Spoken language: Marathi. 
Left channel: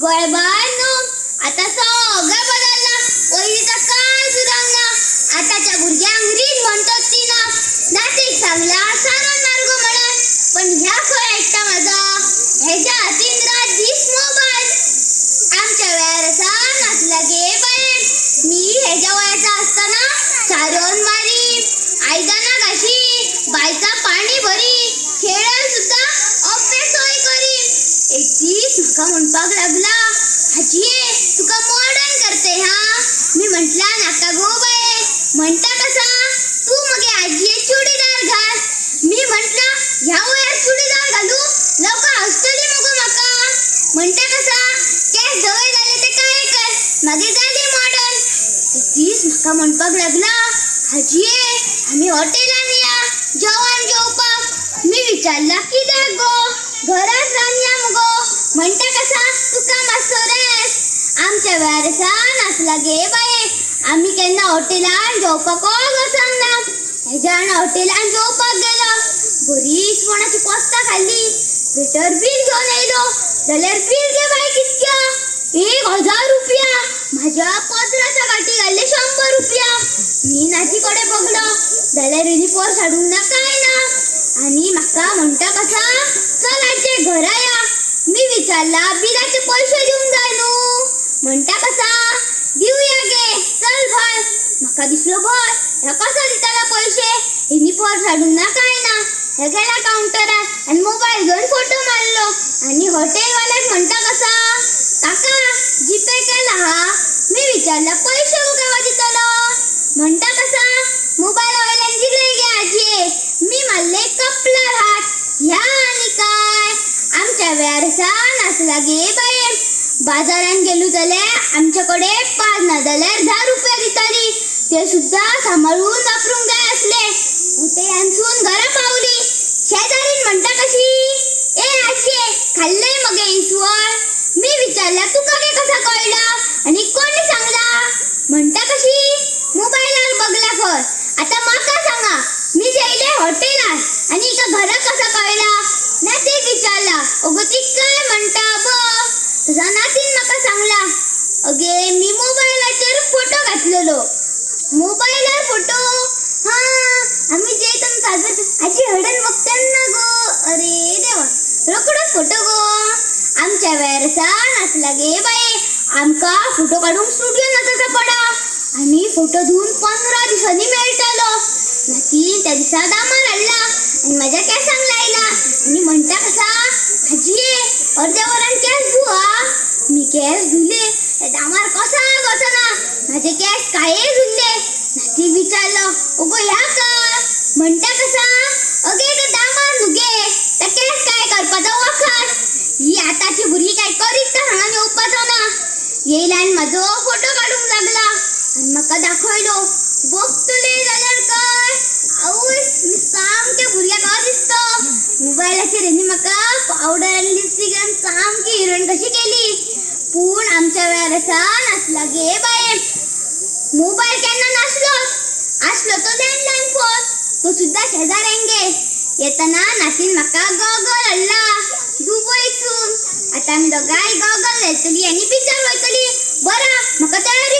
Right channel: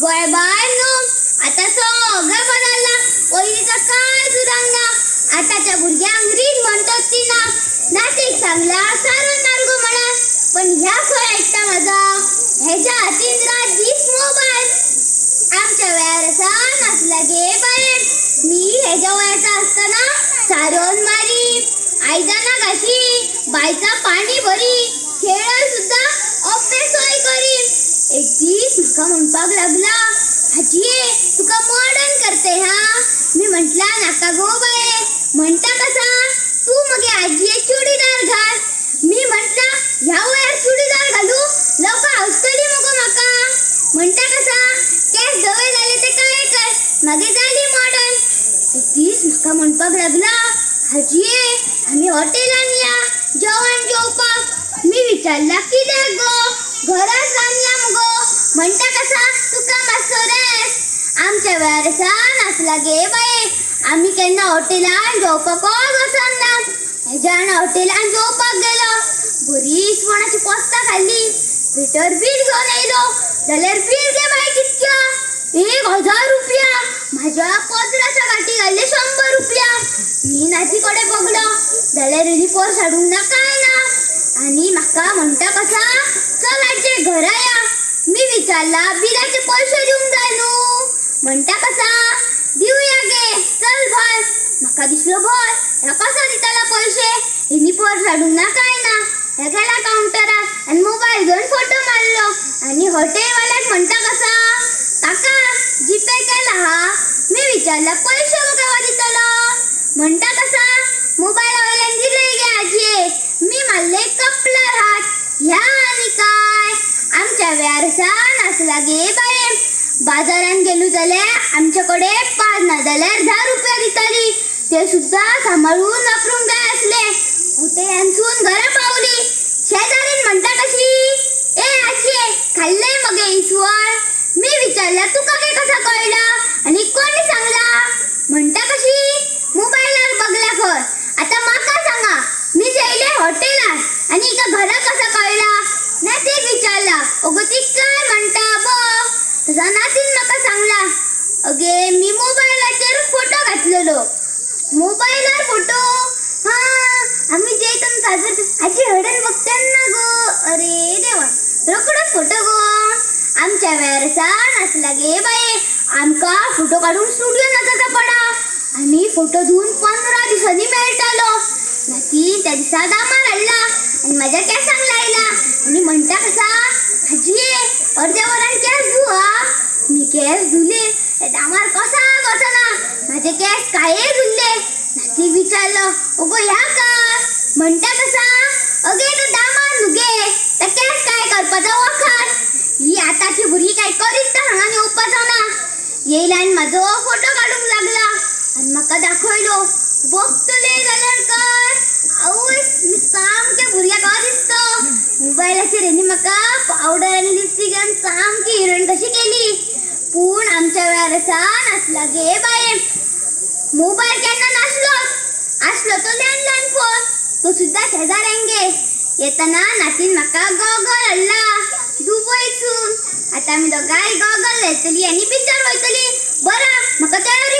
गोळबानो आता सगळं बदलला. पहिलीचा काय सुधारणा. आताच्या भुरग्यांक रीत म्हणतात ती ना नातीक सांगला सारो नारगो म्हणा. पण ह्या खरं ऐकता माझा ह्याच्या हातीन रात दीस मोबाईल. आमच्या वेळार असा नसला गे बाहेर. मी ह्याच्या वयाचा असताना सारोन मारी, आयदना घाशी, बायचा पाणी भरी, खेळायला सुद्धा अभ्यासय करी. एक दीस म्हाका म्हणपाक लागला, आजी तुका मॉडर्न करते हा. मी म्हटला नाका गो बाये. म्हणता कसा तू मगे आजीये चुडीदार घाल. मी म्हटला ह्या वयार चुडीदार घालू लोक हसतली मगो म्हाका. म्हणता कसा केस धवे झाले ते काय कर मगे झाली मॉडर्न. एक दीस म्हाका म्हणपाक लागला, आजी आम्ही हॉटेलान या जेवण जेवपाक. मी विचारला कितें गो घरात रांदया मगो. म्हणता कसा तुका मातसो रेस. आमच्या वेळार असा नासला गे बाये. आम्ही केन्ना हॉटेलान जेवपाकच वचन ना. हेज्यान हॉटेलान जेवपाक गेलो, बरी इसवणाची पोस्तां खाल्ली. वेटर बील घेवन येयलो जाल्यार बील गे बाय कितक्या 1000 रुपया. माझ्या पत्राच्या गाठी घाल्ले 100 रुपया. मी नाती कडेन बघलो जाल्यार हिनी पर्स हाडूंक ना काय ना. आणि म्हाका म्हणटा कसा चल आजचे घरा या. मी विचारला बिलाचे पैसे दिवंक जाय न्हू. म्हणटा कसा दिवया गे चल भय. म्हाका दिसलो भय ह्या कसा दिताला पैसे. हिनी पर्स हाडूंक ना काय ना. ह्या गेला काउंटरार आणि मोबाईल घेऊन फोटो मारलो. आणि हॉटेलवाल्याक म्हणटा कसा काका जीपे केला हा. मी विचारला पैसे गो केव्हा दितलो. म्हणटा कसा मोबाईल वयल्यान दिले गे आजी. मी मारले कपलार हात. ह्या आणि काय आमच्या वेळार नासला गे बाये. बाजारान गेलो जाल्यार आमच्याकडे 5 ना जाल्यार 10 रुपया दिताली. ते सुद्धा सांभाळून वापरूंक जाय असले. हॉटेलांसून घरा पावली. शेजारीन म्हणटा कशी ए आजी खाल्ले मगे इसवण. मी विचारला तुका गे कसा कळला आणि कोणी सांगला. म्हणटा कशी मोबाईलार बघला खर. आता म्हाका सांगा मी जेयले हॉटेलात आणि इका घरा कसा कळला. नातीक विचारला अगो ती काय म्हणता बघ. तसा नातीन म्हाका सांगला अगे मी मोबाईलाचेर फोटो घातलेलो. मोबाईलार फोटो हा आम्ही जेतून साजर आजी हडन बघताना गो. अरे देवा रोकडोच फोटो गो. आमच्या वेळार नासला गे बाये. आमका फोटो काढून स्टुडिओ नचाचा पडा. आम्ही फोटो धुवून 15 दिसांनी मेळटालो. नाती त्या दिसा दामार हाडला आणि माझ्या केसांक लायला. आणि म्हणता कसा आजी अर्ध्या वरान केस धुवा. मी केस धुले दामार कसा वचना. माझे केस काये धुल्ले. नाती विचारलो अगो ह्या काय. म्हणता कसा अगे तो दामार नुगे तर केस काय करपाचो वखद. ही आताची भुरगी काय करीत तर हांगा येवपाचो ना. येयला आनी म्हाजो फोटो काडूंक लागला आणि म्हाका दाखयलो. बघतले जाल्यार काय आवय मी सामके भुरग्याक दिसतो. मोबायलाचेर हेणी म्हाका पावडर आनी लिपस्टिक घालून सामकी हिरोईन कशी केली. पूण आमच्या वेळार नासला गे बाये. मोबाईल केन्ना नासलो. असलो तो लँडलाईन फोन. तो सुद्धा शेजाऱ्यांगे. येताना नातीन म्हाका गॉगल हाडला दुबईतून. आता आमी दोगांय गॉगल घालतली आणि पिक्चर वयतली. बरा म्हाका तयारी